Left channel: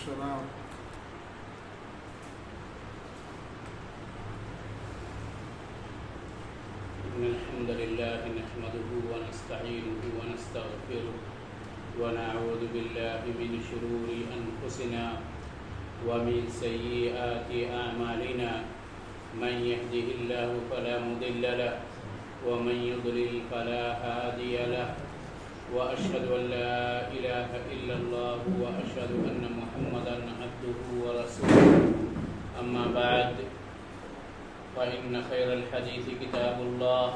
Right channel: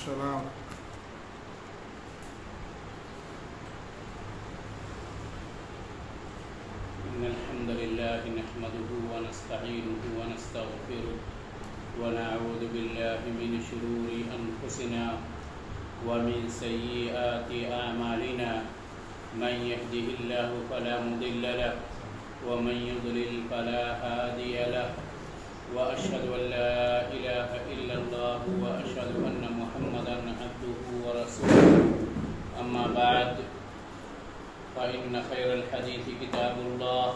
السلام. إن الحمد لله نحمده ونستعينه ونستغفره ونعوذ بالله من شرور أنفسنا ومن سيئات أعمالنا من يهده الله فلا مضل له ومن يضلل فلا هادي له وأشهد أن لا إله إلا الله وأشهد أن محمدا عبده ورسوله أما بعد فإن خير الحديث كتاب الله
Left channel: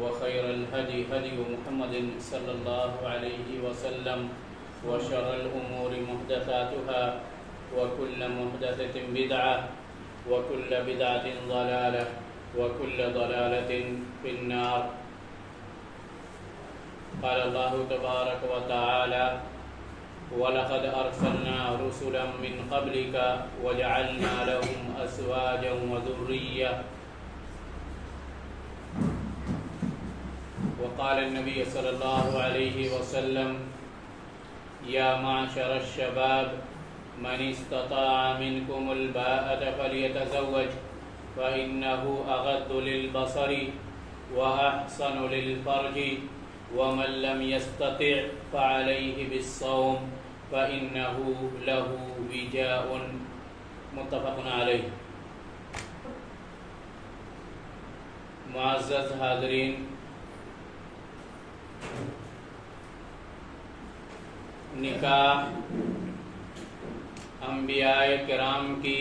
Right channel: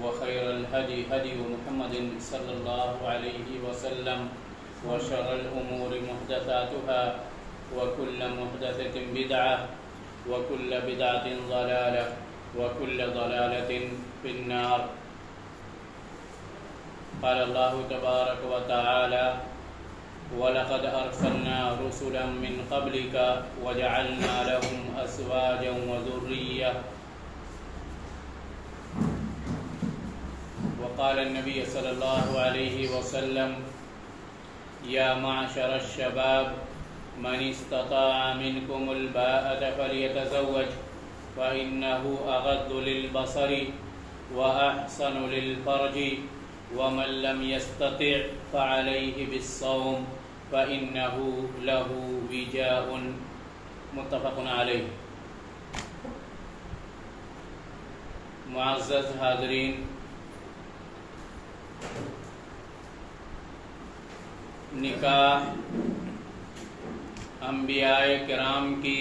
وخير الهدي هدي محمد صلى الله عليه وسلم وشر الأمور محدثاتها وكل محدثة بدعة وكل بدعة ضلالة وكل ضلالة في النار. قال الله تبارك وتعالى وَلَقَدْ أَرْسَلْنَا رُسُلًا مِّن قَبْلِكَ وَجَعَلْنَا لَهُمْ أَزْوَاجًا وَذُرِّيَّةً. وقال النبي صلى الله عليه وسلم يا معشر الشباب من استطاع منكم الباءة فليتزوج فإنه أغض للبصر وأحسن للفرج ومن لم يستطع فعليه بالصوم فإنه له وجاء. متفق علیہ. معزز حاضرین، نکاح انبیاء کرام کی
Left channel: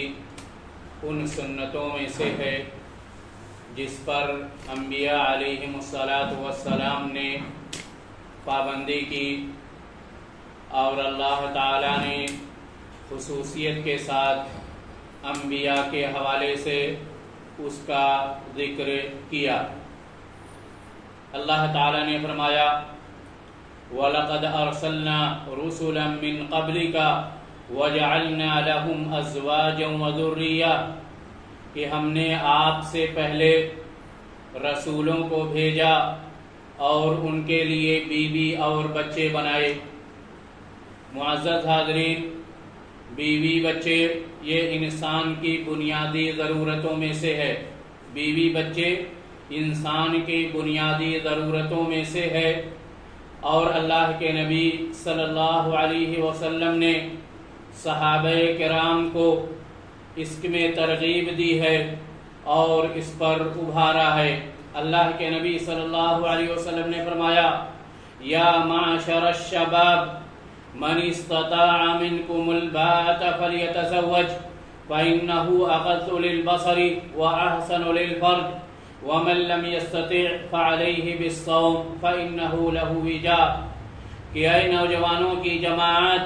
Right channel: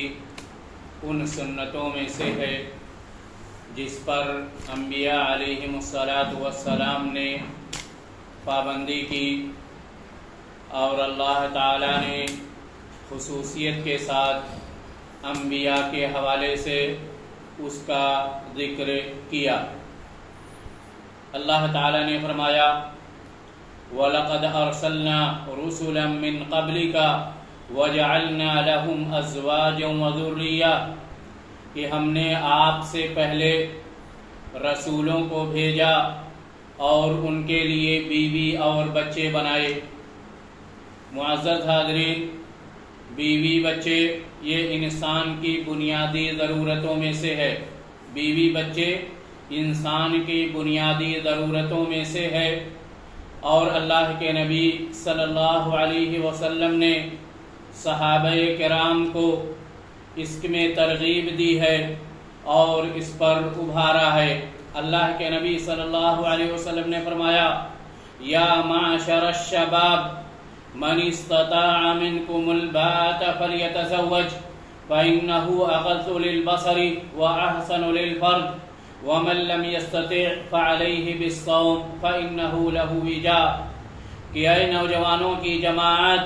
ان سنتوں میں سے ہے جس پر انبیاء علیہم الصلاۃ نے پابندی کی، اور اللہ تعالیٰ نے خصوصیت کے ساتھ انبیاء کے حوالے سے اس کا ذکر کیا. اللہ تعالیٰ نے فرمایا وَلَقَدْ أَرْسَلْنَا رُسُلًا مِّن قَبْلِكَ وَجَعَلْنَا لَهُمْ أَزْوَاجًا وَذُرِّيَّةً، کہ ہم نے آپ سے پہلے رسولوں کو بھیجا اور ان کے لیے بیوی اور بچے بنائے. معزز حاضرین، بیوی بچے یہ انسان کی بنیادی ضرورتوں میں سے ہے. بیوی بچے انسان کی بنیادی ضرورتوں میں سے ہے، اور اللہ کے نبی صلی اللہ علیہ وسلم نے صحابہ کرام کو اس میں ترغیب دی ہے اور اس پر ابھارا ہے. اللہ کے نبی صلی اللہ علیہ وسلم نے فرمایا یا معشر الشباب من استطاع منکم الباءة فلیتزوج فإنه اغض للبصر واحسن للفرج ومن لم يستطع فعليه بالصوم فإنه له وجاء. کہ اے نوجوانوں کی جماعت،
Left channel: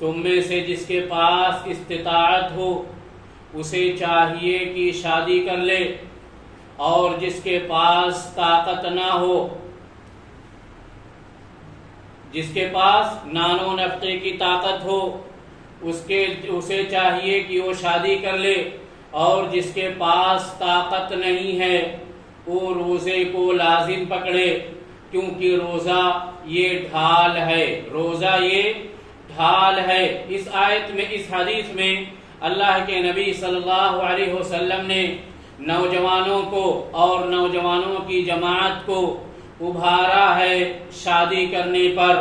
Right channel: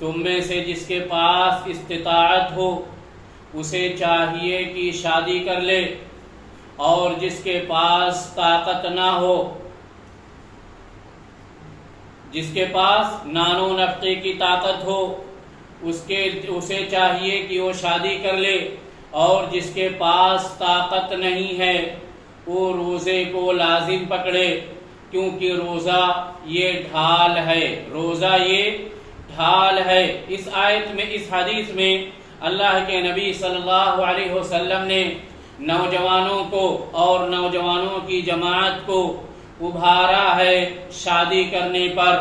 تم میں سے جس کے پاس استطاعت ہو اسے چاہیے کہ شادی کر لے، اور جس کے پاس طاقت نہ ہو، جس کے پاس نان و نفقے کی طاقت ہو، اسے چاہیے کہ وہ شادی کر لے، اور جس کے پاس طاقت نہیں ہے وہ روزے کو لازم پکڑے، کیونکہ روزہ یہ ڈھال ہے. روزہ یہ ڈھال ہے. اس آیت میں، اس حدیث میں اللہ کے نبی صلی اللہ علیہ وسلم نے نوجوانوں کو اور نوجوانوں کی جماعت کو ابھارا ہے شادی کرنے پر،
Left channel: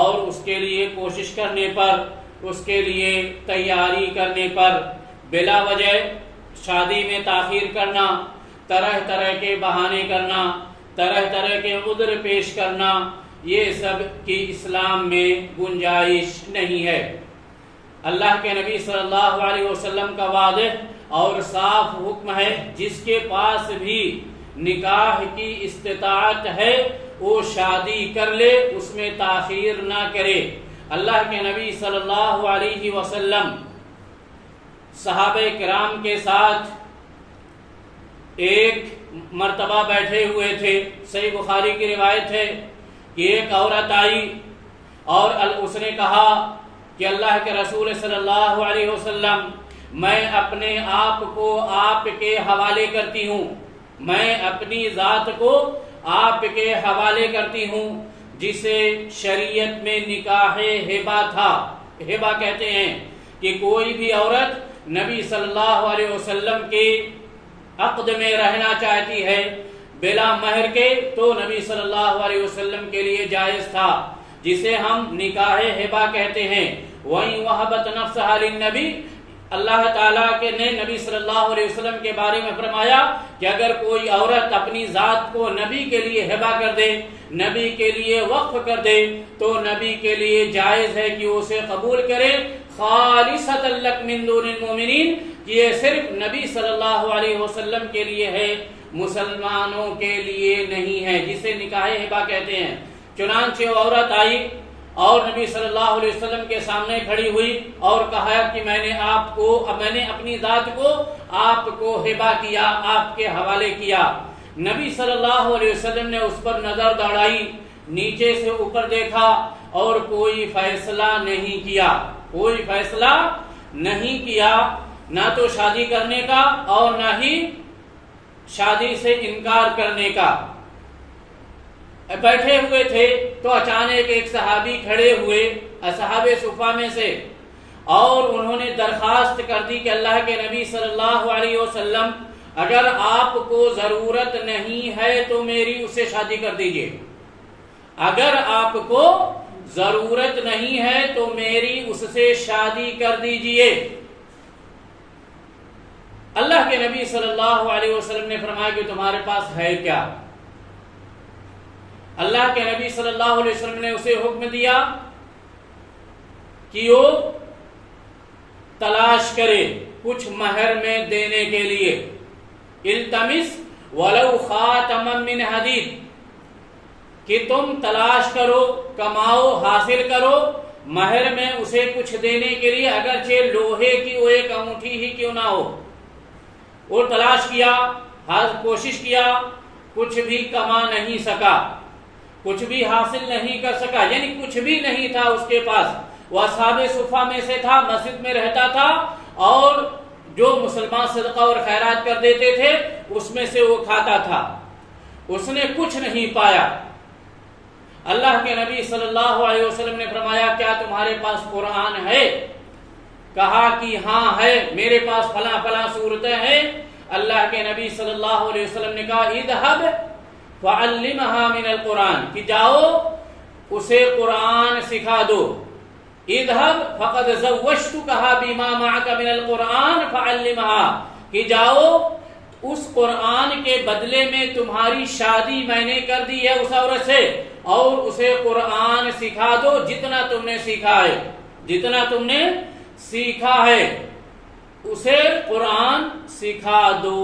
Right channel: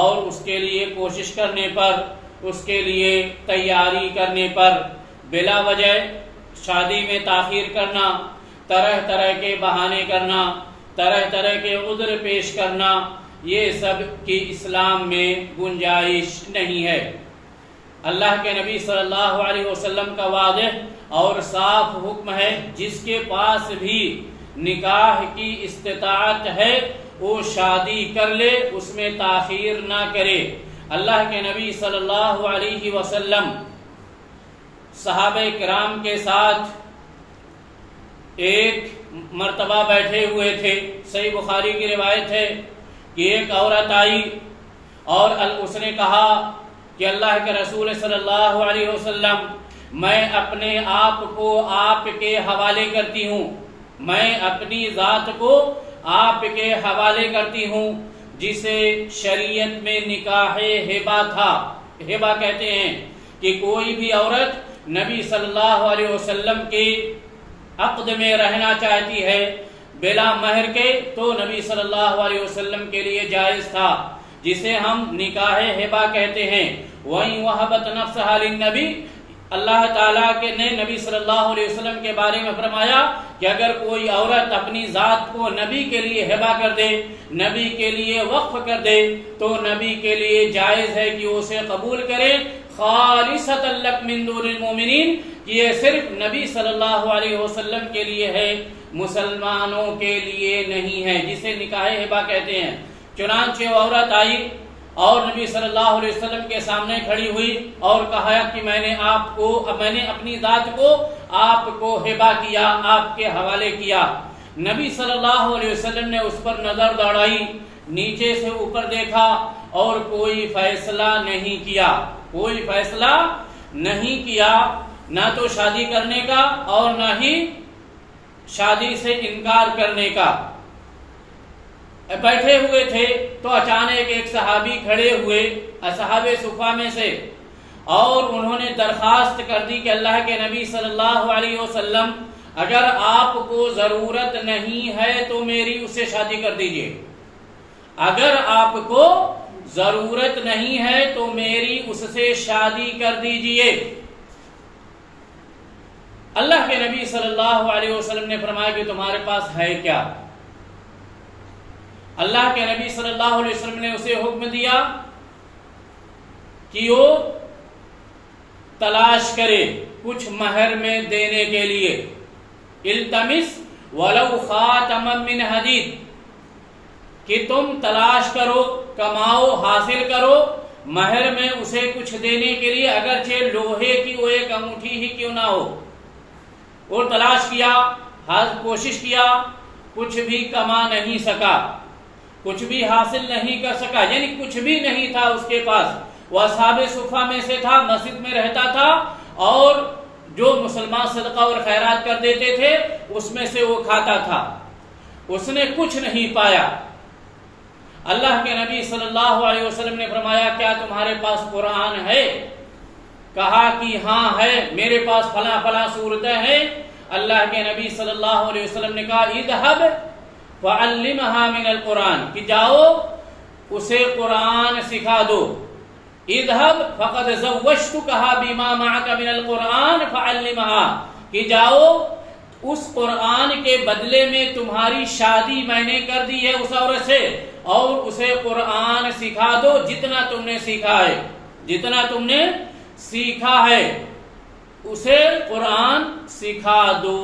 اور اس کے لیے کوشش کرنے پر، اس کے لیے تیاری کرنے پر. بلا وجہ شادی میں تاخیر کرنا، طرح طرح کے بہانے کرنا، طرح طرح کے عذر پیش کرنا، یہ سب کی اسلام میں گنجائش نہیں ہے. اللہ کے نبی صلی اللہ علیہ وسلم کا واضح اور صاف حکم ہے جس کے پاس بھی نکاح کی استطاعت ہے وہ شادی کر لے، اس میں تاخیر نہ کرے. اللہ کے نبی صلی اللہ علیہ وسلم صحابہ کرام کے ساتھ ایک مرتبہ بیٹھے ہوئے تھے. صحیح بخاری کی روایت ہے کہ ایک عورت آئی اور اس نے کہا کہ اللہ کے رسول صلی اللہ علیہ وسلم، میں اپنے آپ کو آپ کے حوالے کرتی ہوں، میں اپنی ذات کو آپ کے حوالے کرتی ہوں جسے شریعت میں نکاح ہبہ تھا. ہبا کہتے ہیں کہ کوئی بھی عورت نبی صلی اللہ علیہ وسلم کے عقد میں رہنا چاہتی ہے بلا مہر کے تو نبی صلی اللہ علیہ وسلم کے لیے جائز تھا، جسے ہم نکاح ہبا کہتے ہیں۔ وَإِن وَهَبَتْ نَفْسَهَا لِلنَّبِيِّ، اللہ تعالیٰ کے نے نبی صلی اللہ علیہ وسلم کے بارے میں فرمایا کہ اگر کوئی عورت اپنی ذات کو نبی کے لیے ہبا کر دے، نبی کے لیے وقف کر دے، تو نبی کے لیے جائز ہے کہ اسے قبول کرے، خالصۃ لک من دون المؤمنین، کہ یہ صرف نبی صلی اللہ علیہ وسلم کے لیے ہے، مسلمانوں کے لیے نہیں ہے، جسے نکاح ہبا کہتے ہیں۔ چنانچہ وہ عورت آئی اور نبی صلی اللہ علیہ وسلم کے سامنے کھڑی ہوئی اور کہا کہ میں نے اپنی ذات کو آپ کو ہبا کیا، آپ کے حوالے کیا۔ نبی صلی اللہ علیہ وسلم نے اس پر نظر دوڑائی، نیچے سے اوپر دیکھا اور کوئی فیصلہ نہیں کیا، کوئی فیصلہ نہیں کیا، نہ تو شادی کرنے کا اور نہ ہی شادی سے انکار کرنے کا۔ بیٹھے ہوئے تھے تو اچانک ایک صحابی کھڑے ہوئے اصحاب صفہ میں سے، اور انہوں نے درخواست کر دی کہ اللہ کے نبی صلی اللہ علیہ وسلم اگر آپ کو ضرورت نہیں ہے تو میری اس سے شادی کر دیجئے، اگر آپ کو ضرورت نہیں ہے تو میری اس سے شادی کر دیجئے۔ اللہ کے نبی صلی اللہ علیہ وسلم نے فرمایا کہ تمہارے پاس ہے کیا؟ اللہ کے نبی صلی اللہ علیہ وسلم نے اسے حکم دیا کہ وہ تلاش کرے کچھ مہر میں دینے کے لیے، التمس ولو خاتما من حدید، کہ تم تلاش کرو، کماؤ، حاصل کرو مہر میں اسے کچھ دینے کے لیے، اگرچہ لوہے کی وہ ایک انگوٹھی ہی کیوں نہ ہو۔ اور تلاش کیا، کوشش کیا، کچھ بھی کما نہیں سکا، کچھ بھی حاصل نہیں کر سکا، یعنی کچھ بھی نہیں تھا اس کے پاس۔ وہ اصحاب صفہ میں سے تھا، مسجد میں رہتا تھا، اور جو مسلمان صدقہ اور خیرات کر دیتے تھے اس میں سے وہ کھاتا تھا، اس نے کچھ نہیں پایا۔ اللہ کے نبی صلی اللہ علیہ وسلم نے فرمایا کیا تمہارے پاس قرآن ہے؟ کہا کہ ہاں ہے، میرے پاس فلاں فلاں صورتیں ہیں۔ اللہ کے نبی صلی اللہ علیہ وسلم نے کہا اذهب فعلمها من القرآن، کہ جاؤ اسے قرآن سکھا دو۔ اذهب فقد زوجتكها بما معك من القرآن فعلمها، کہ جاؤ اس قرآن کے بدلے میں تمہاری شادی میں نے کر دی ہے اس عورت سے، اور اسے قرآن سکھا دو جتنا تم نے سیکھا ہے، جتنا تم نے سیکھا ہے اسے قرآن سکھا دو۔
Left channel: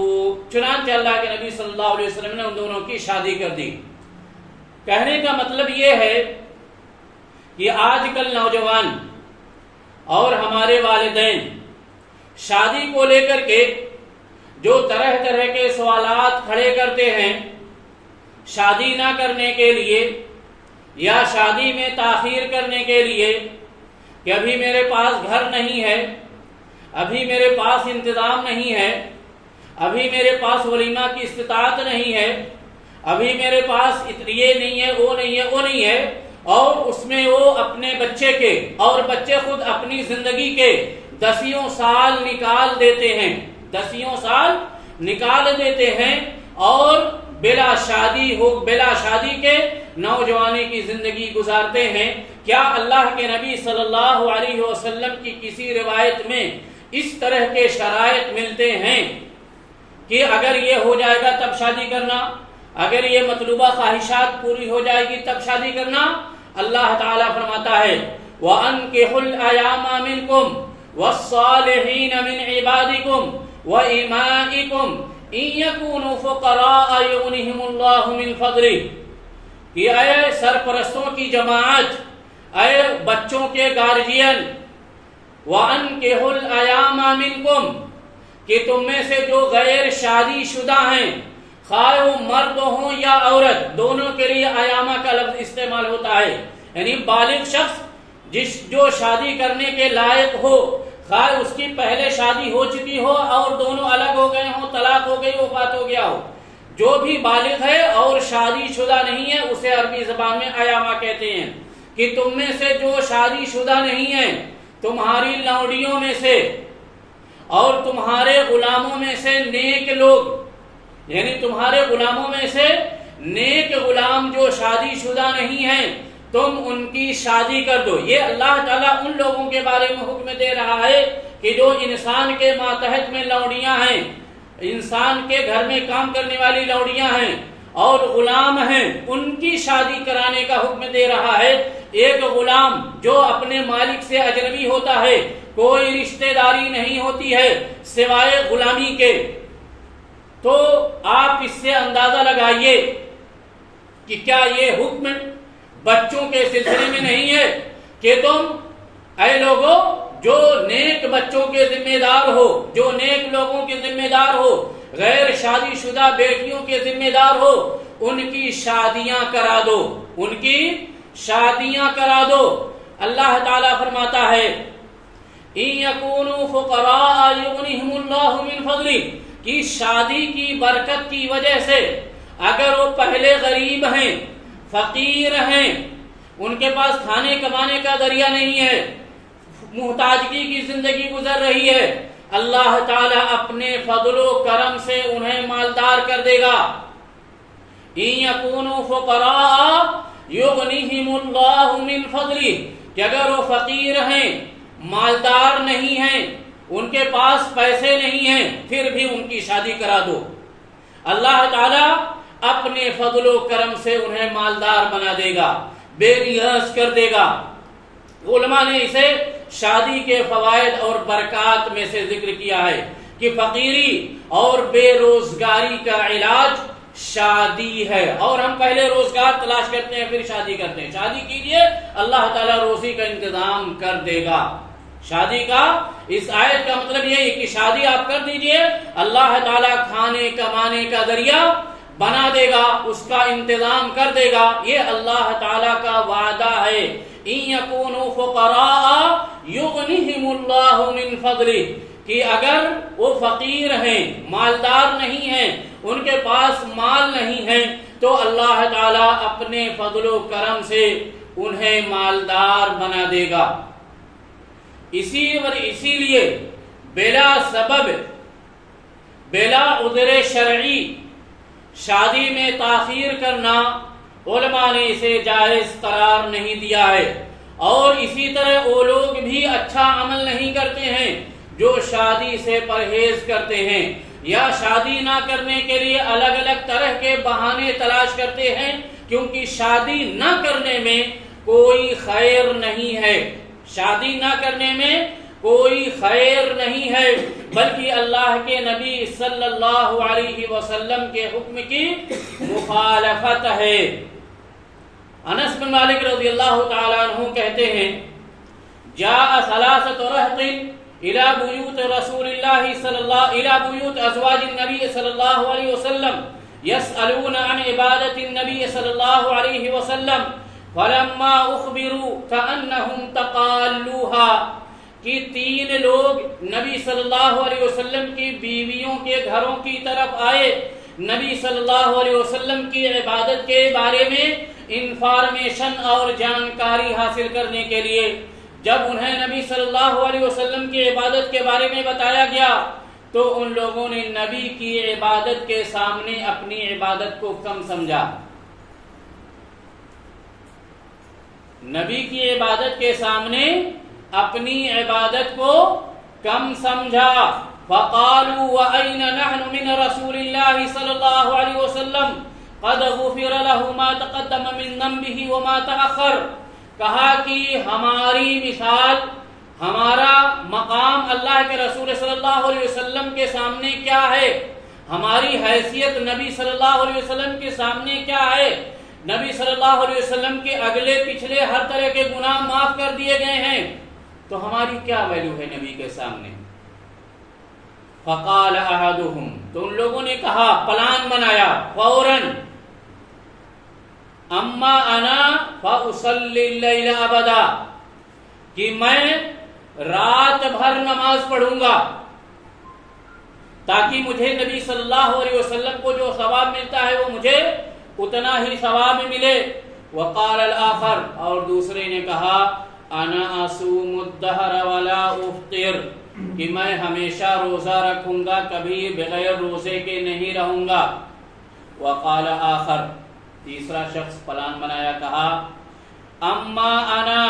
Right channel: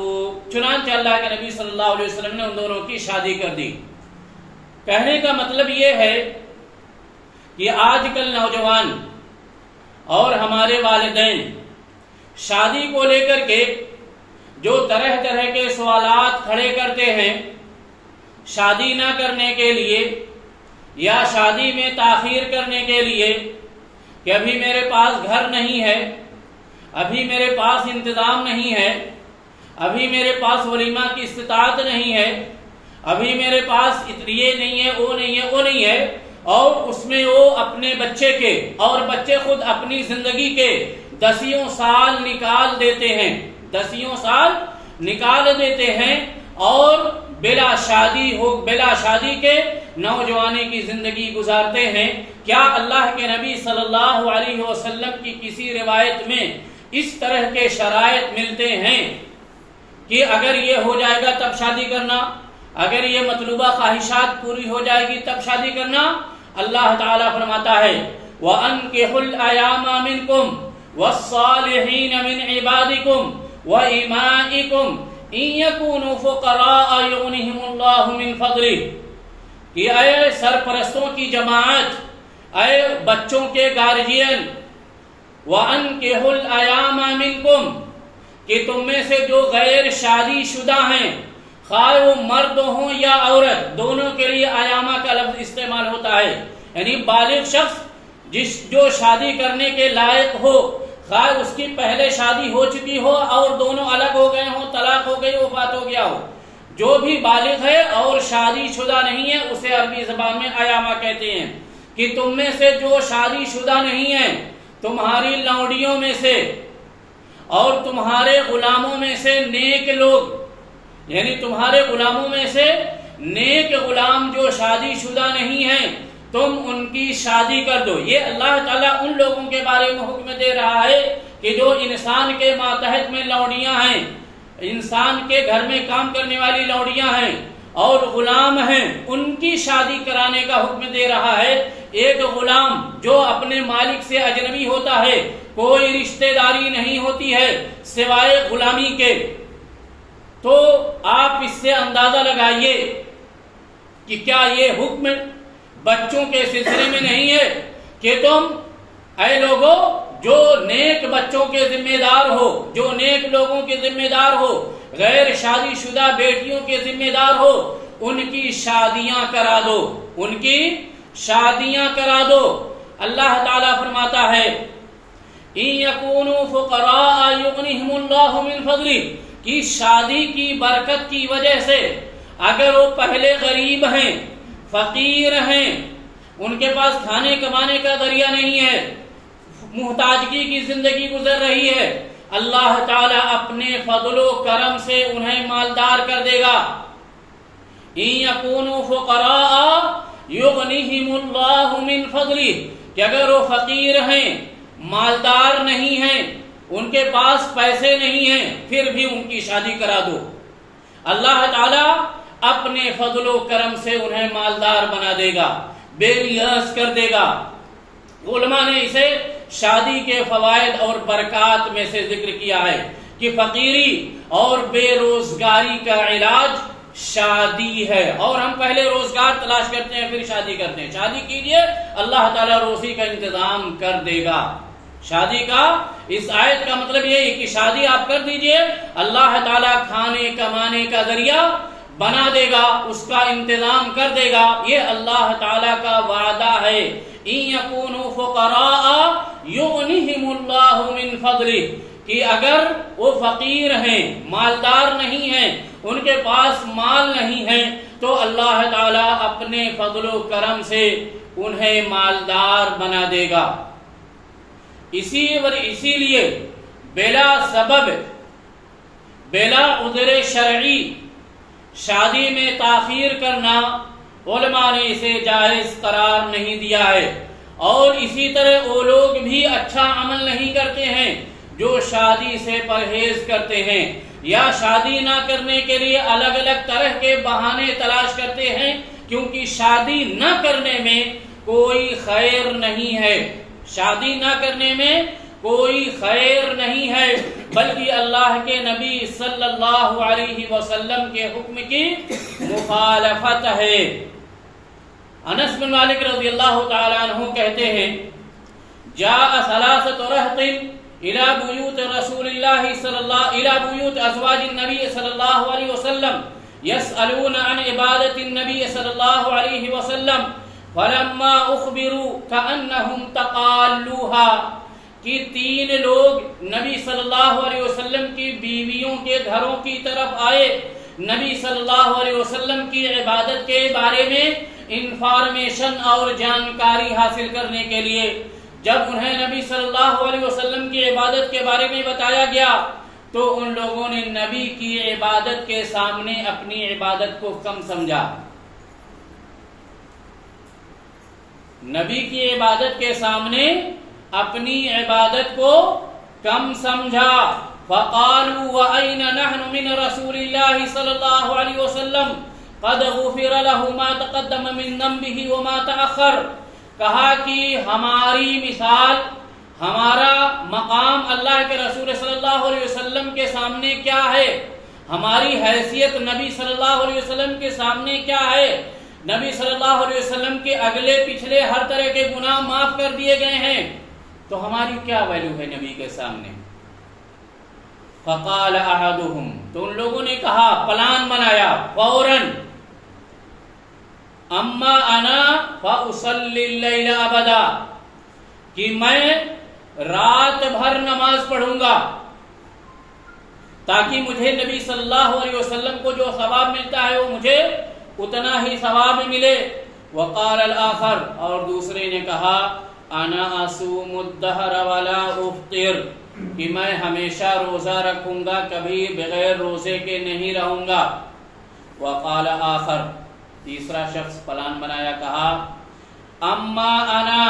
چنانچہ اللہ کے نبی صلی اللہ علیہ وسلم نے ان دونوں کی شادی کر دی۔ کہنے کا مطلب یہ ہے کہ آج کل نوجوان اور ہمارے والدین شادی کو لے کر کے جو طرح طرح کے سوالات کھڑے کرتے ہیں شادی نہ کرنے کے لیے یا شادی میں تاخیر کرنے کے لیے، کہ ابھی میرے پاس گھر نہیں ہے، ابھی میرے پاس انتظام نہیں ہے، ابھی میرے پاس ولیمہ کی استطاعت نہیں ہے، ابھی میرے پاس یہ نہیں ہے، وہ نہیں ہے، وہ نہیں ہے، اور اس میں وہ اپنے بچے کے اور بچے خود اپنی زندگی کے 10 سال نکال دیتے ہیں، 10 سال نکال دیتے ہیں، اور بلا شادی کے نوجوانی کی زندگی گزارتے ہیں۔ کیا اللہ کے نبی صلی اللہ علیہ وسلم کی کسی روایت میں اس طرح کے شرائط ملتے ہیں کہ اگر یہ ہو جائے گا تب شادی کرنا، اگر یہ مطلوبہ خواہشات پوری ہو جائے گی تب شادی کرنا؟ اللہ تعالیٰ فرماتا ہے وَأَنكِحُوا الْأَيَامَ مِنكُمْ وَالصَّالِحِينَ مِنْ عِبَادِكُمْ وَإِمَائِكُمْ إِن يَكُونُوا فُقَرَاءَ يُغْنِهِمُ اللَّهُ مِنْ فَضْلِهِ، کہ اے سرپرستوں کی جماعت، اے بچوں کے گارجین، وَأَنكِحُوا الْأَيَامَ مِنكُمْ، کہ تم میں سے جو غیر شادی شدہ ہیں، خواہ وہ مرد ہوں یا عورت، دونوں کے لیے ایامہ کا لفظ استعمال ہوتا ہے، یعنی بالغ شخص جو شادی کرنے کے لائق ہو، خواہ اس کی پہلے شادی ہو چکی ہو اور دونوں الگ ہو گئے ہوں، طلاق ہو گئی، وفات ہو گیا ہو، جو بھی بالغ ہے اور شادی شدہ نہیں ہے اسے عربی زبان میں ایامہ کہتے ہیں۔ کہ تم میں سے جو شادی شدہ نہیں ہے، تمہاری لونڈیوں میں سے اور تمہارے غلاموں میں سے نیک لوگ، یعنی تمہارے غلاموں میں سے نیک غلام جو شادی شدہ نہیں ہیں تم ان کی شادی کر دو۔ یہ اللہ تعالیٰ ان لوگوں کے بارے میں حکم دے رہا ہے کہ جو انسان کے ماتحت میں لونڈیاں ہیں، انسان کے گھر میں کام کرنے والی لونڈیاں ہیں اور غلام ہیں، ان کی شادی کرانے کا حکم دے رہا ہے۔ ایک غلام جو اپنے مالک سے اجنبی ہوتا ہے، کوئی رشتہ داری نہیں ہوتی ہے سوائے غلامی کے، تو آپ اس سے اندازہ لگائیے کہ کیا یہ حکم بچوں کے سلسلے میں نہیں ہے کہ تم اے لوگوں جو نیک بچوں کے ذمہ دار ہو، جو نیک لوگوں کے ذمہ دار ہو، غیر شادی شدہ بیٹیوں کے ذمہ دار ہو، ان کی شادیاں کرا دو، ان کی شادیاں کرا دو۔ اللہ تعالیٰ فرماتا ہے إِن يَكُونُوا فُقَرَاءَ يُغْنِهِمُ اللَّهُ مِنْ فَضْلِهِ کہ شادی کی برکت کی وجہ سے اگر وہ پہلے غریب ہیں، فقیر ہیں، ان کے پاس کھانے کمانے کا ذریعہ نہیں ہے، محتاجگی کی زندگی گزر رہی ہے، اللہ تعالیٰ اپنے فضل و کرم سے انہیں مالدار کر دے گا۔ إِن يَكُونُوا فُقَرَاءَ يُغْنِهِمُ اللَّهُ مِنْ فَضْلِهِ کہ اگر وہ فقیر ہیں، مالدار نہیں ہیں، ان کے پاس پیسے نہیں ہیں، پھر بھی ان کی شادی کرا دو۔ اللہ تعالیٰ اپنے فضل و کرم سے انہیں مالدار بنا دے گا، بے نیاز کر دے گا۔ علماء نے اسے شادی کے فوائد اور برکات میں سے ذکر کیا ہے کہ فقیری اور بے روزگاری کا علاج شادی ہے، اور ہم پہلے روزگار تلاش کرتے ہیں پھر شادی کرتے ہیں۔ شادی کیجئے، اللہ تعالیٰ روزی کا انتظام کر دے گا۔ شادی کا اس آیت کا مطلب یہ ہے کہ شادی آپ کر دیجئے، اللہ تعالیٰ کھانے کمانے کا ذریعہ بنا دے گا، اس کا انتظام کر دے گا، یہ اللہ تعالیٰ کا وعدہ ہے۔ إِن يَكُونُوا فُقَرَاءَ يُغْنِهِمُ اللَّهُ مِنْ فَضْلِهِ کہ اگر وہ فقیر ہیں، مالدار نہیں ہیں، ان کے پاس مال نہیں ہے، تو اللہ تعالیٰ اپنے فضل و کرم سے انہیں مالدار بنا دے گا۔ اسی لیے بلا سبب، بلا عذر شرعی شادی میں تاخیر کرنا علماء نے اسے جائز قرار نہیں دیا ہے، اور اسی طرح وہ لوگ بھی اچھا عمل نہیں کرتے ہیں جو شادی سے پرہیز کرتے ہیں یا شادی نہ کرنے کے لیے الگ الگ طرح کے بہانے تلاش کرتے ہیں، کیونکہ شادی نہ کرنے میں کوئی خیر نہیں ہے، شادی نہ کرنے میں کوئی خیر نہیں ہے، بلکہ اللہ کے نبی صلی اللہ علیہ وسلم کے حکم کی مخالفت ہے۔ انس بن مالک رضی اللہ تعالیٰ عنہ کہتے ہیں جاء ثلاثة رهط إلى بيوت رسول الله إلى بيوت أزواج النبي صلى الله عليه وسلم يسألون عن عبادة النبي صلى الله عليه وسلم فلما أخبروا كأنهم تقالوها کہ 3 لوگ نبی صلی اللہ علیہ وسلم کی بیویوں کے گھروں کی طرف آئے، نبی صلی اللہ علیہ وسلم کی عبادت کے بارے میں انفارمیشن اور جانکاری حاصل کرنے کے لیے۔ جب انہیں نبی صلی اللہ علیہ وسلم کی عبادت کے بارے میں بتایا گیا تو ان لوگوں نے نبی کی عبادت کے سامنے اپنی عبادت کو کم سمجھا، نبی کی عبادت کے سامنے اپنی عبادت کو کم سمجھا۔ فقالوا وَأَيْنَ نَحْنُ مِنْ رَسُولِ اللَّهِ صلی اللہ علیہ وسلم قَدْ غُفِرَ لَهُ مَا تَقَدَّمَ مِنْ ذَنْبِهِ وَمَا تَأَخَّرَ کہا کہ ہماری مثال، ہمارا مقام اللہ کے رسول صلی اللہ علیہ وسلم کے سامنے کیا ہے، ہماری حیثیت نبی صلی اللہ علیہ وسلم کے سامنے کیا ہے۔ نبی صلی اللہ علیہ وسلم کے اگلے پچھلے ہر طرح کے گناہ معاف کر دیے گئے ہیں، تو ہماری کیا ویلیو ہے نبی کے سامنے۔ فقال احدهم تو ان لوگوں نے کہا، پلان بنایا فوراً، اما انا فاصلی اللیل ابدا کہ میں رات بھر نماز پڑھوں گا تاکہ مجھے نبی صلی اللہ علیہ وسلم کو جو ثواب ملتا ہے وہ مجھے اتنا ہی ثواب ملے۔ وقال الآخر اور دوسرے نے کہا، انا اصوم الدہر ولا افطر، کہ میں ہمیشہ روزہ رکھوں گا، کبھی بغیر روزے کے نہیں رہوں گا۔ وقال آخر، تیسرا شخص پلان بنایا، کہا اما انا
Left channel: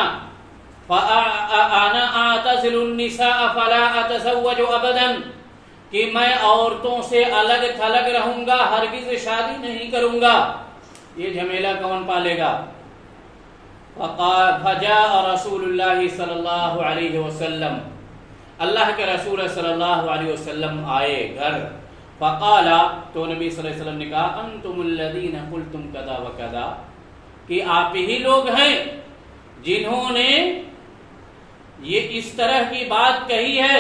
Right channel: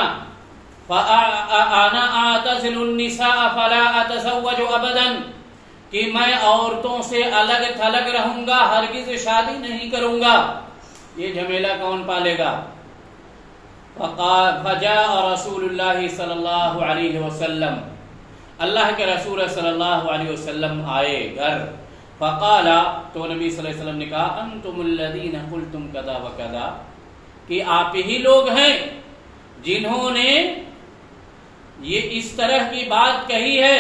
فانا اعتزل النساء فلا اتزوج ابدا، کہ میں عورتوں سے الگ تھلگ رہوں گا، ہرگز شادی نہیں کروں گا۔ یہ جھمیلا کون پالے گا؟ فجاء رسول اللہ صلی اللہ علیہ وسلم، اللہ کے رسول صلی اللہ علیہ وسلم آئے گھر۔ فقال، تو نبی صلی اللہ علیہ وسلم نے کہا انتم الذین قلتم کذا وکذا، کہ آپ ہی لوگ ہیں جنہوں نے یہ اس طرح کی بات کہی ہے۔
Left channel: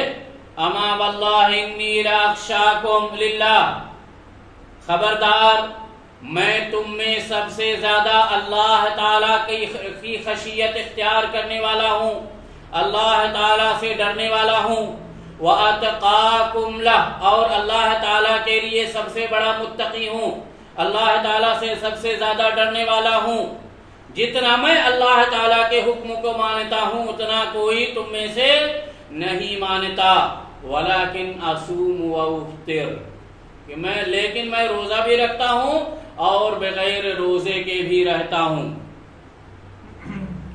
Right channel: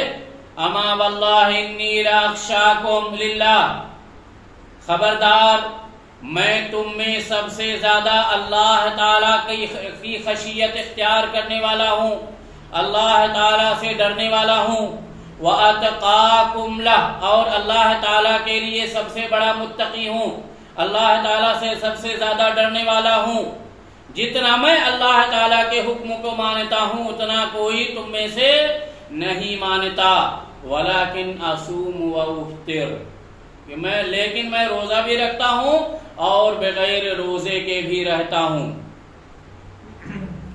اما واللہ انی لاخشاکم للہ، خبردار میں تم میں سب سے زیادہ اللہ تعالیٰ کی خشیت اختیار کرنے والا ہوں، اللہ تعالیٰ سے ڈرنے والا ہوں۔ وَأَتْقَاكُمْ لَهُ، اور اللہ تعالیٰ کے لیے سب سے بڑا متقی ہوں، اللہ تعالیٰ سے سب سے زیادہ ڈرنے والا ہوں۔ جتنا میں اللہ تعالیٰ کے حکم کو مانتا ہوں اتنا کوئی تم میں سے نہیں مانتا۔ وَلَكِنْ أَصُومُ وَأُفْطِرُ، لیکن میں روزہ بھی رکھتا ہوں اور بغیر روزے کے بھی رہتا ہوں۔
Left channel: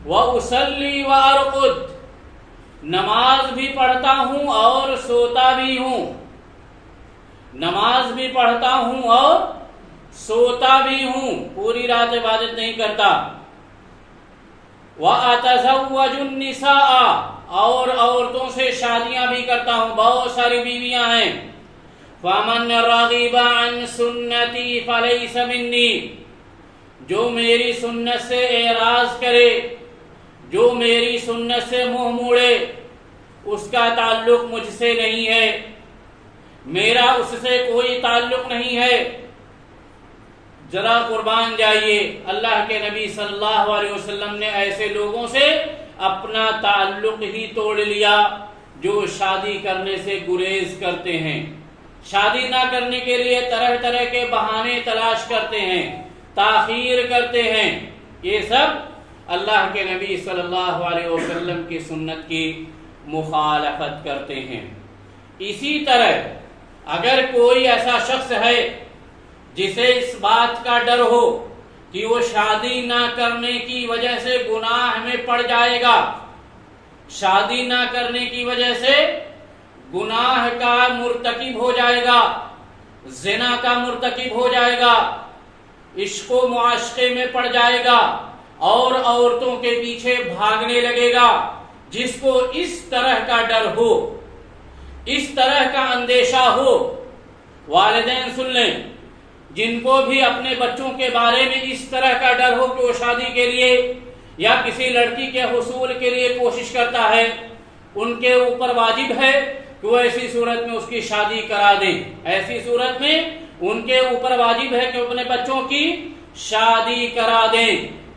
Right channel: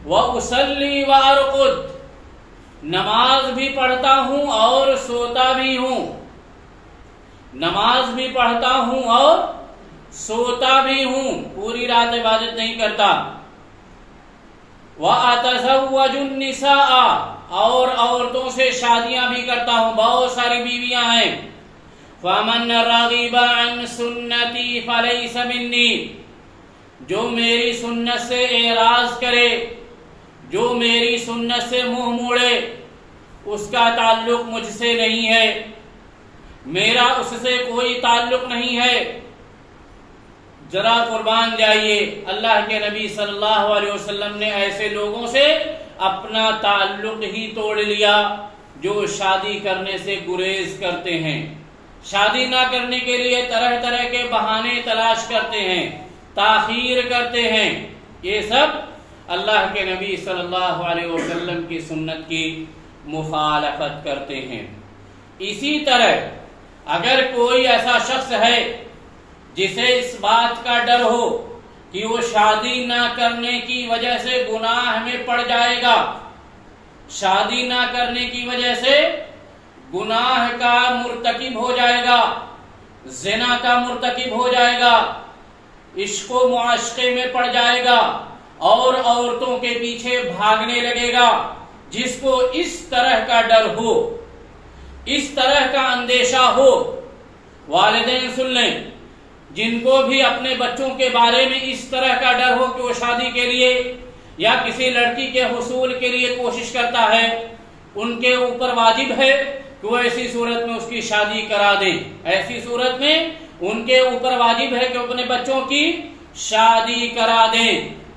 وَأُصَلِّي وَأَرْقُدُ، نماز بھی پڑھتا ہوں اور سوتا بھی ہوں، نماز بھی پڑھتا ہوں اور سوتا بھی ہوں، پوری رات عبادت نہیں کرتا۔ وَأَتَزَوَّجُ النِّسَاءَ، اور عورتوں سے شادیاں بھی کرتا ہوں، بہت ساری بیویاں ہیں۔ فَمَنْ رَغِبَ عَنْ سُنَّتِي فَلَيْسَ مِنِّي، جو میری سنت سے اعراض کرے، جو میری سنت سے منہ موڑے، اس کا تعلق مجھ سے نہیں ہے، میرا اس سے کوئی تعلق نہیں ہے۔ ذرا قربان جائیے، اللہ کے نبی صلی اللہ علیہ وسلم نے ایسے لوگوں سے اپنا تعلق ہی توڑ لیا جو شادی کرنے سے گریز کرتے ہیں، شادی نہ کرنے کے لیے طرح طرح کے بہانے تلاش کرتے ہیں، تاخیر کرتے ہیں۔ یہ سب اللہ کے نبی صلی اللہ علیہ وسلم کی سنت کی مخالفت کرتے ہیں۔ اسی طرح اگر کوئی ایسا شخص ہے جسے اس بات کا ڈر ہو کہ وہ شادی نہ کرنے کی وجہ سے گناہ میں پڑ جائے گا، شادی نہ کرنے کی وجہ سے گناہ کا مرتکب ہو جائے گا، زنا کا مرتکب ہو جائے گا، عشق و معاشقے میں پڑ جائے گا اور عورتوں کے پیچھے بھاگنے لگے گا، جس کو اس طرح کا ڈر ہو، اس طرح کا اندیشہ ہو، والدین سن لیں، جن کو بھی اپنے بچوں کے بارے میں اس طرح کا ڈر ہو کہ وہ شادی کے لیے یا کسی لڑکی کے حصول کے لیے کوشش کرتا ہے، ان کے اوپر واجب ہے کہ وہ ایسی صورت میں اس کی شادی کرا دیں، ایسی صورت میں ان کے اوپر واجب ہے کہ وہ اپنے بچوں کی شادی کرا دیں،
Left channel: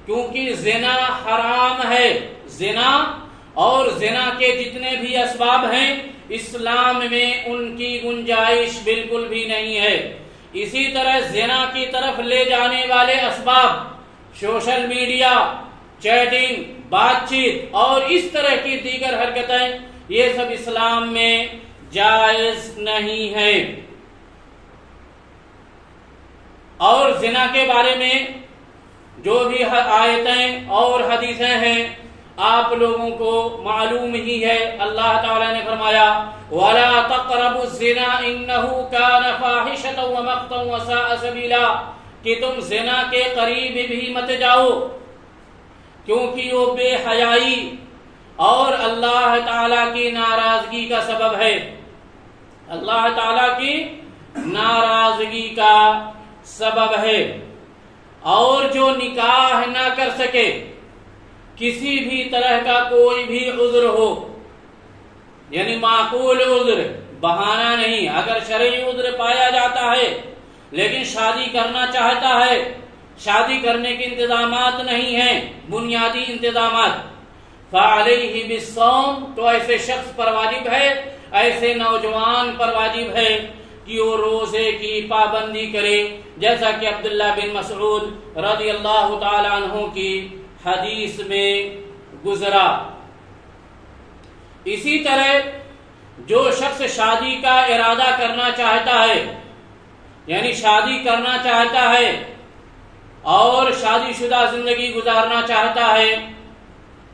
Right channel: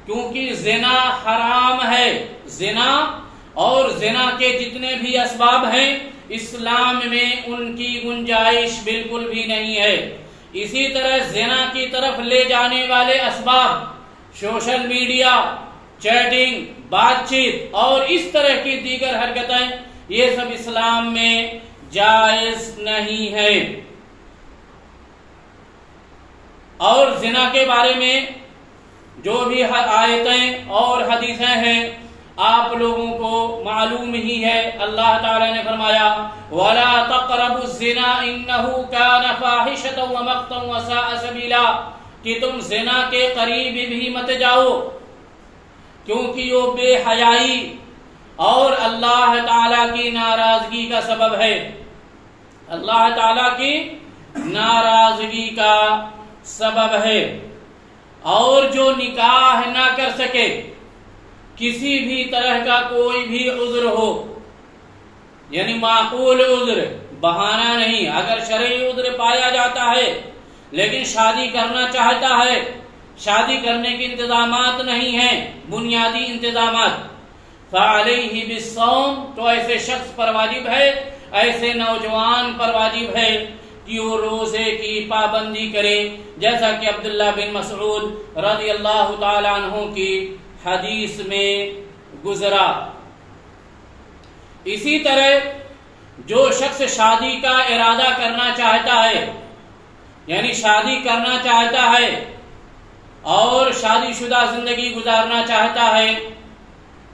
کیونکہ زنا حرام ہے۔ زنا اور زنا کے جتنے بھی اسباب ہیں اسلام میں ان کی گنجائش بالکل بھی نہیں ہے۔ اسی طرح زنا کی طرف لے جانے والے اسباب، سوشل میڈیا، چیٹنگ، بات چیت اور اس طرح کی دیگر حرکتیں، یہ سب اسلام میں جائز نہیں ہے۔ اور زنا کے بارے میں جو بھی آیتیں اور حدیثیں ہیں آپ لوگوں کو معلوم ہی ہے۔ اللہ تعالی نے فرمایا وَلَا تَقْرَبُوا الزِّنَا إِنَّهُ كَانَ فَاحِشَةً وَمَقْتًا وَسَاءَ سَبِيلًا، کہ تم زنا کے قریب بھی مت جاؤ کیونکہ وہ بے حیائی اور اللہ تعالی کی ناراضگی کا سبب ہے، اللہ تعالی کی ناراضگی کا سبب ہے۔ اور جو نکاح نہ کر سکے، کسی بھی طرح کا کوئی بھی عذر ہو، یعنی معقول عذر، بہانہ نہیں، اگر شرعی عذر پایا جاتا ہے لیکن شادی کرنا چاہتا ہے، شادی کرنے کے انتظامات نہیں ہیں، بنیادی انتظامات، فعلیہ بالصوم، تو ایسے شخص پر واجب ہے، ایسے نوجوان پر واجب ہے کہ وہ روزے کی پابندی کرے، جیسا کہ عبداللہ بن مسعود رضی اللہ تعالی عنہ کی حدیث میں گزرا۔ اسی طرح جو شخص شادی کا ارادہ کرنا چاہتا ہے، یعنی شادی کرنا چاہتا ہے اور شادی شدہ زندگی گزارنا چاہتا ہے،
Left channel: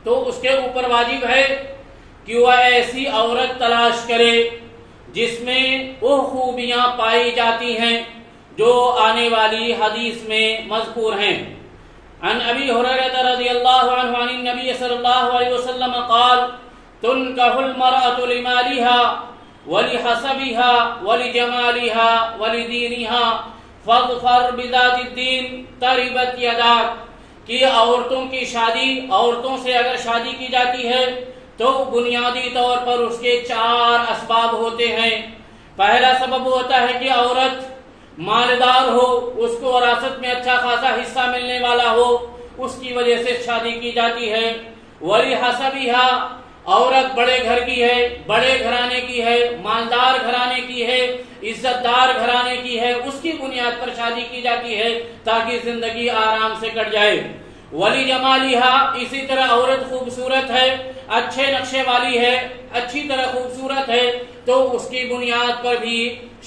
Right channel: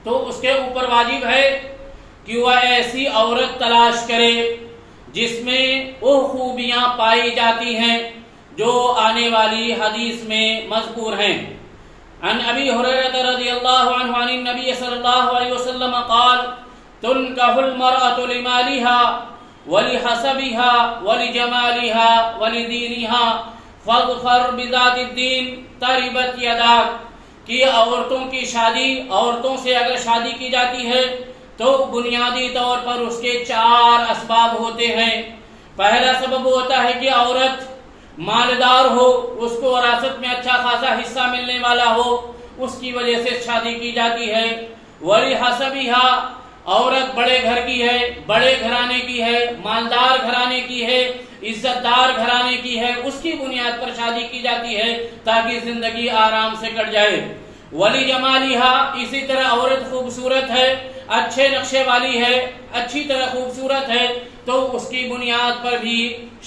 تو اس کے اوپر واجب ہے کہ وہ ایسی عورت تلاش کرے جس میں وہ خوبیاں پائی جاتی ہیں جو آنے والی حدیث میں مذکور ہیں۔ عن ابی ہریرہ رضی اللہ عنہ عن النبی صلی اللہ علیہ وسلم قال تنکح المرأة لمالها ولحسبها ولجمالها ولدینها فاظفر بذات الدین تربت یداک، کہ عورتوں کی شادی، عورتوں سے اگر شادی کی جاتی ہے تو بنیادی طور پر اس کے 4 اسباب ہوتے ہیں۔ پہلا سبب ہوتا ہے کہ عورت مالدار ہو، اس کو وراثت میں اچھا خاصا حصہ ملنے والا ہو، اس کی وجہ سے شادی کی جاتی ہے۔ وَلِحَسَبِهَا، عورت بڑے گھر کی ہے، بڑے گھرانے کی ہے، مالدار گھرانے کی ہے، عزت دار گھرانے کی ہے، اس کی بنیاد پر شادی کی جاتی ہے تاکہ زندگی آرام سے کٹ جائے۔ ولی جمالہا، اسی طرح عورت خوبصورت ہے، اچھے نقشے والی ہے، اچھی طرح خوبصورت ہے تو اس کی بنیاد پر بھی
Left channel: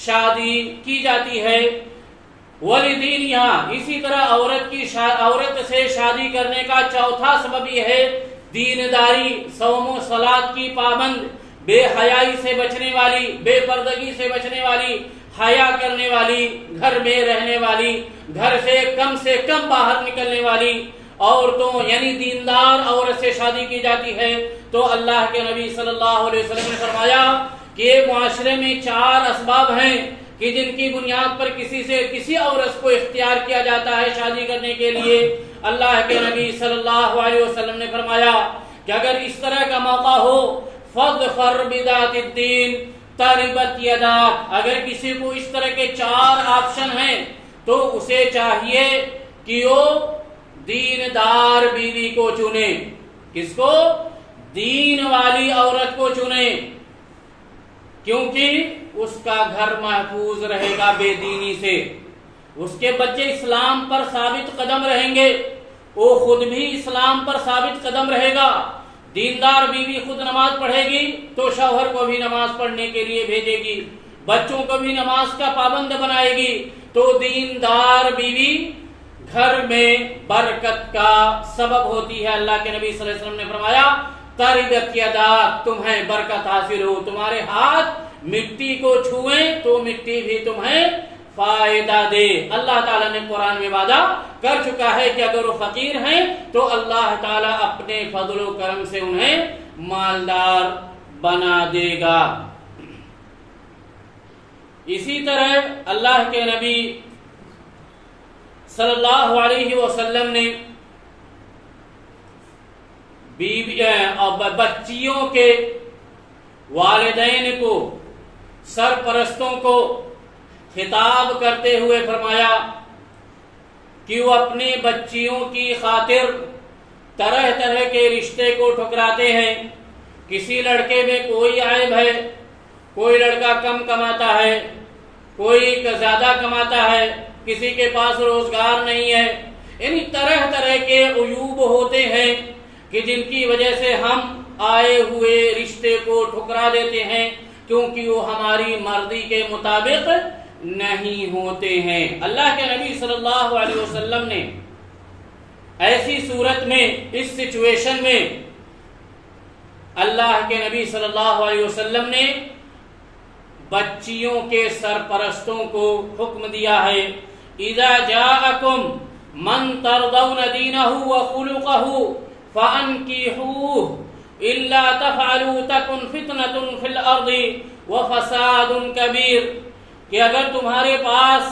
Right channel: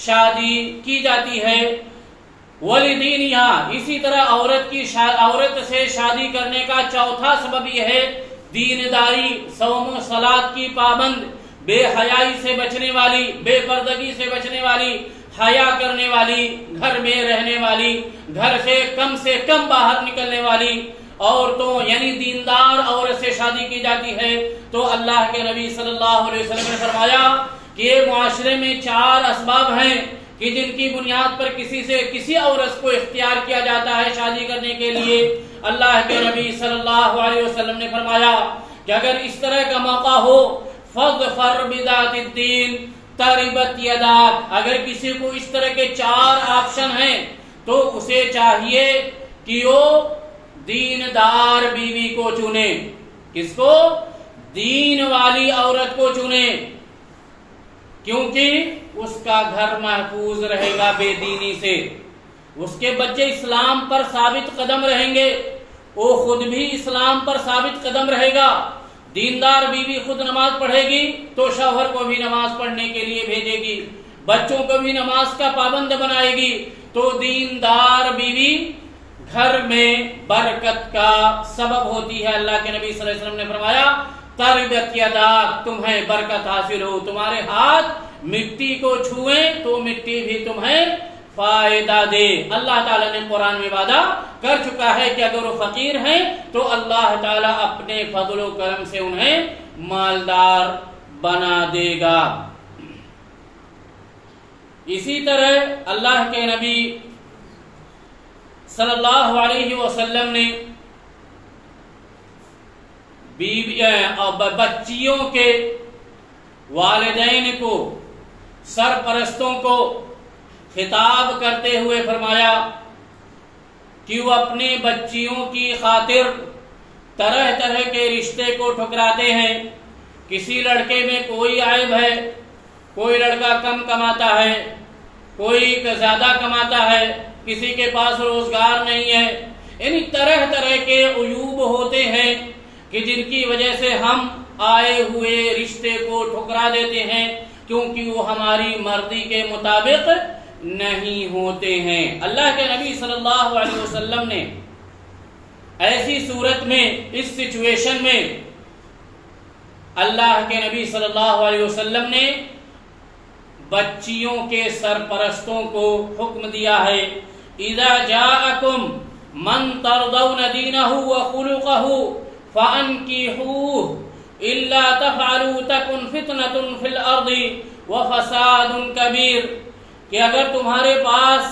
شادی کی جاتی ہے۔ ولی دینہا، اسی طرح عورت سے شادی کرنے کا چوتھا سبب یہ ہے دینداری، صوم و صلاۃ کی پابند، بے حیائی سے بچنے والی، بے پردگی سے بچنے والی، حیا کرنے والی، گھر میں رہنے والی، گھر سے کم باہر نکلنے والی عورتوں، یعنی دیندار عورت سے شادی کی جاتی ہے۔ تو اللہ کے نبی صلی اللہ علیہ وسلم نے فرمایا کہ معاشرے میں 4 اسباب ہیں کہ جن کی بنیاد پر کسی عورت کو اختیار کیا جاتا ہے شادی کرنے کے لیے۔ اللہ کے نبی صلی اللہ علیہ وسلم نے فرمایا کہ اگر اس طرح کا موقع ہو فَاظْفَرْ بِذَاتِ الدِّينِ تَرِبَتْ يَدَاكَ، اگر کسی کو اس طرح کے 4 آپشن ہیں تو اسے چاہیے کہ وہ دیندار بیوی کو چنے۔ کس کو؟ دین والی عورت کو چنے، کیونکہ اس کا گھر محفوظ رہے گا بے دینی سے، اس کے بچے اسلام پر ثابت قدم رہیں گے، وہ خود بھی اسلام پر ثابت قدم رہے گا۔ دیندار بیوی خود نماز پڑھے گی تو شوہر کو بھی نماز پڑھنے کے لیے بھیجے گی، بچوں کو بھی نماز کا پابند بنائے گی۔ تو دیندار بیوی گھر میں برکت کا سبب ہوتی ہے۔ اللہ کے نبی صلی اللہ علیہ وسلم نے فرمایا تربت یداک، تمہیں برکت حاصل ہو، تمہارے ہاتھ مٹی کو چھوئیں تو مٹی بھی تمہیں فائدہ دے۔ اللہ تعالیٰ نے قرآن میں وعدہ کر چکا ہے کہ اگر وہ فقیر ہیں تو اللہ تعالیٰ اپنے فضل و کرم سے انہیں مالدار بنا دے گا۔ اسی طرح اللہ کے نبی صلی اللہ علیہ وسلم نے بچیوں کے والدین کو، سرپرستوں کو خطاب کرتے ہوئے فرمایا کہ وہ اپنی بچیوں کی خاطر طرح طرح کے رشتے کو ٹھکراتے ہیں۔ کسی لڑکے میں کوئی عیب ہے، کوئی لڑکا کم کماتا ہے، کوئی زیادہ کماتا ہے، کسی کے پاس روزگار نہیں ہے، یعنی طرح طرح کے عیوب ہوتے ہیں کہ جن کی وجہ سے ہم آئے ہوئے رشتے کو ٹھکرا دیتے ہیں کیونکہ وہ ہماری مرضی کے مطابق نہیں ہوتے ہیں۔ اللہ کے نبی صلی اللہ علیہ وسلم نے ایسی صورت میں، اس سچویشن میں، اللہ کے نبی صلی اللہ علیہ وسلم نے بچیوں کے سرپرستوں کو حکم دیا ہے اذا جاءکم من ترضون دینہ وخلقہ فانکحوہ الا تفعلوا تکن فتنۃ فی الارض وفساد کبیر، کہ اگر تمہارے پاس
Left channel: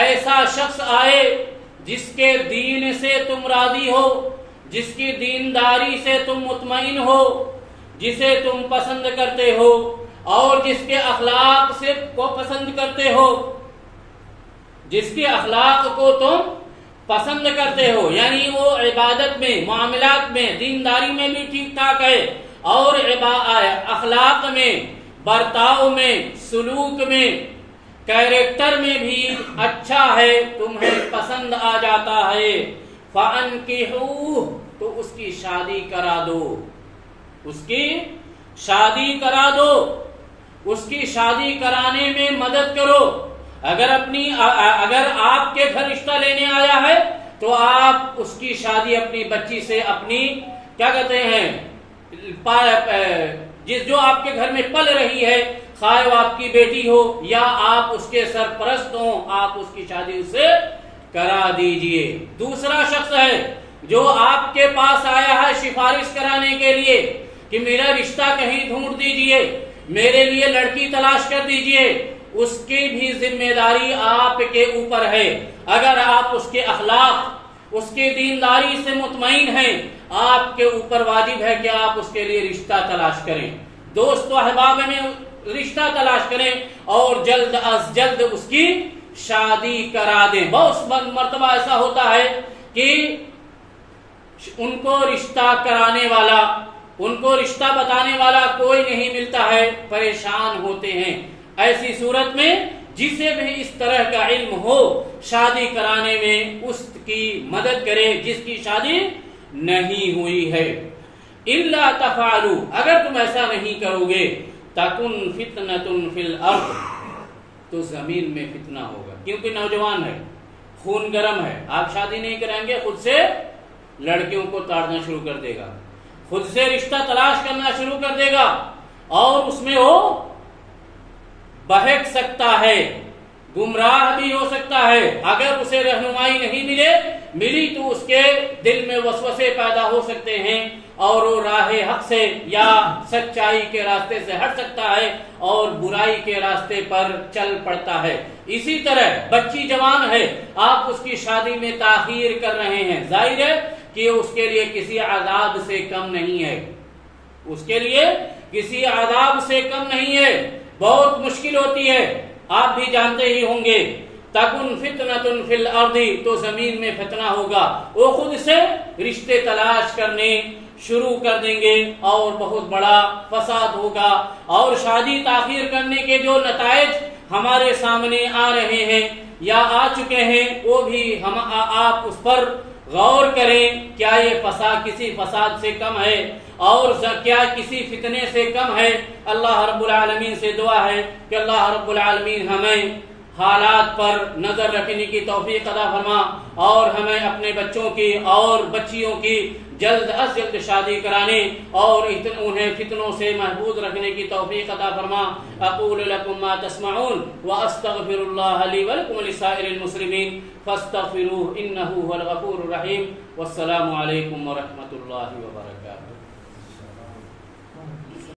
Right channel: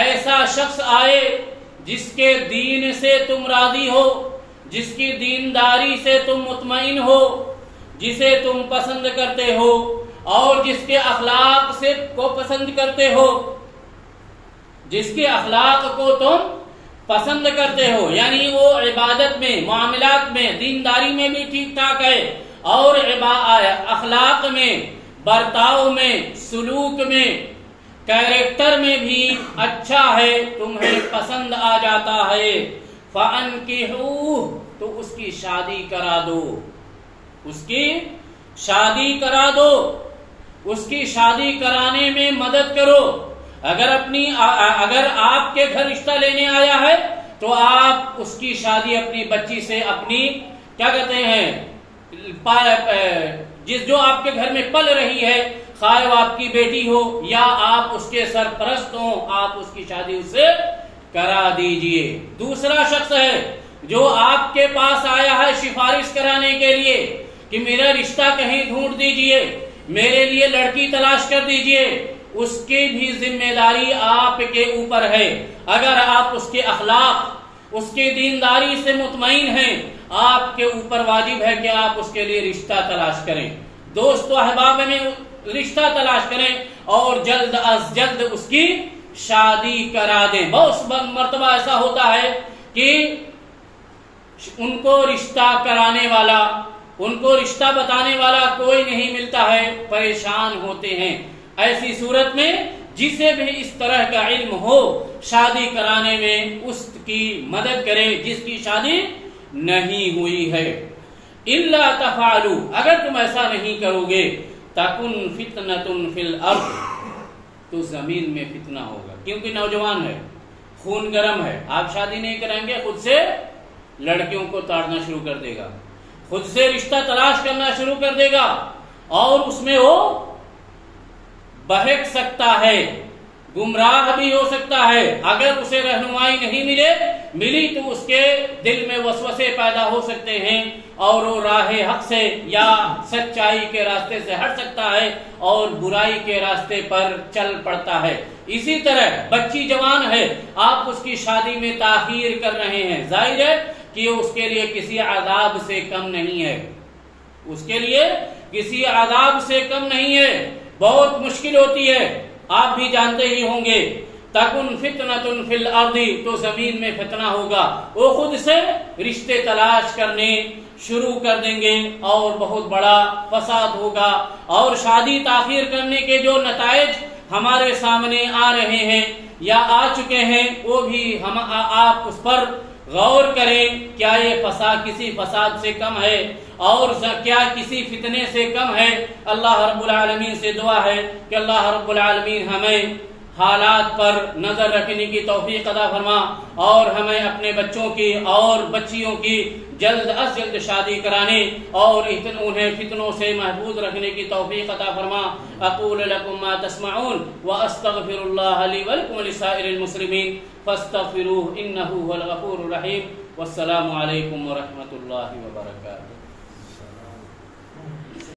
ایسا شخص آئے جس کے دین سے تم راضی ہو، جس کی دینداری سے تم مطمئن ہو، جسے تم پسند کرتے ہو اور جس کے اخلاق سے کو پسند کرتے ہو، جس کے اخلاق کو تم پسند کرتے ہو، یعنی وہ عبادت میں، معاملات میں، دینداری میں بھی ٹھیک ٹھاک ہے اور اخلاق میں، برتاؤ میں، سلوک میں، کیریکٹر میں بھی اچھا ہے، تمہیں پسند آ جاتا ہے، فَأَنْكِحُوهُ، تو اس کی شادی کرا دو، اس کی شادی کرا دو، اس کی شادی کرانے میں مدد کرو۔ اگر آپ کے گھر رشتہ لینے آیا ہے تو آپ اس کی شادی اپنی بچی سے، اپنی کیا کہتے ہیں، جو آپ کے گھر میں پل رہی ہے، خواہ وہ آپ کی بیٹی ہو یا آپ اس کے سرپرست ہوں، آپ اس کی شادی اس سے کرا دیجئے۔ دوسرا شخص ہے جو آپ کے پاس آیا ہے سفارش کرانے کے لیے کہ میرا رشتہ کہیں ڈھونڈ دیجئے، میرے لیے لڑکی تلاش کر دیجئے، اس کی بھی ذمہ داری آپ کے اوپر ہے۔ اگر آپ اس کے اخلاق، اس کی دینداری سے مطمئن ہیں، آپ کے اوپر واجب ہے کہ آپ اس کے لیے رشتہ تلاش کریں، دوست و احباب میں رشتہ تلاش کریں اور جلد از جلد اس کی شادی کرا دیں۔ بہت مرتبہ ایسا ہوتا ہے کہ ان کو رشتہ کرانے والا، ان کو رشتہ بتانے والا کوئی نہیں ملتا ہے، پریشان ہوتے ہیں۔ ایسی صورت میں جسے بھی اس طرح کا علم ہو، شادی کرانے میں اس کی مدد کرے جس کی شادی نہیں ہوئی ہے۔ الا تفعلوا، اگر تم ایسا نہیں کرو گے، تکن فتنۃ فی الارض، تو زمین میں فتنہ ہوگا، کیونکہ نوجوان ہے، خون گرم ہے، آپ شادی نہیں کریں گے، خود سے لڑکیوں کو تاڑنا شروع کر دے گا، خود سے رشتہ تلاش کرنا شروع کر دے گا، اور اس میں وہ بہک سکتا ہے، گمراہ بھی ہو سکتا ہے۔ اگر اسے رہنمائی نہیں ملی تو اس کے دل میں وسوسے پیدا ہو سکتے ہیں اور وہ راہ حق سے یا سچائی کے راستے سے ہٹ سکتا ہے اور برائی کے راستے پر چل پڑتا ہے۔ اسی طرح بچی جوان ہے، آپ اس کی شادی میں تاخیر کر رہے ہیں، ظاہر ہے کہ اس کے لیے کسی عذاب سے کم نہیں ہے، اس کے لیے کسی عذاب سے کم نہیں ہے، بہت مشکل ہوتی ہے، آپ بھی جانتے ہی ہوں گے۔ تکن فتنۃ فی الارض، تو زمین میں فتنہ ہوگا، وہ خود سے رشتے تلاش کرنے شروع کر دیں گے اور بہت بڑا فساد ہوگا، اور شادی تاخیر کرنے کے جو نتائج ہمارے سامنے آ رہے ہیں یا آ چکے ہیں، وہ بھی آپ اس پر غور کریں، کیا یہ فساد کسی فساد سے کم ہے اور کیا کسی فتنے سے کم ہے؟ اللہ رب العالمین سے دعا ہے کہ اللہ رب العالمین ہمیں حالات پر نظر رکھنے کی توفیق عطا فرما اور ہمیں اپنے بچوں کی اور بچیوں کی جلد از جلد شادی کرانے اور انہیں فتنوں سے محفوظ رکھنے کی توفیق عطا فرما۔ اقول لکم ما تسمعون واستغفر اللہ لی ولکم ولسائر المسلمین فاستغفروہ انہ هو الغفور الرحیم۔ والسلام علیکم ورحمۃ اللہ وبرکاتہ۔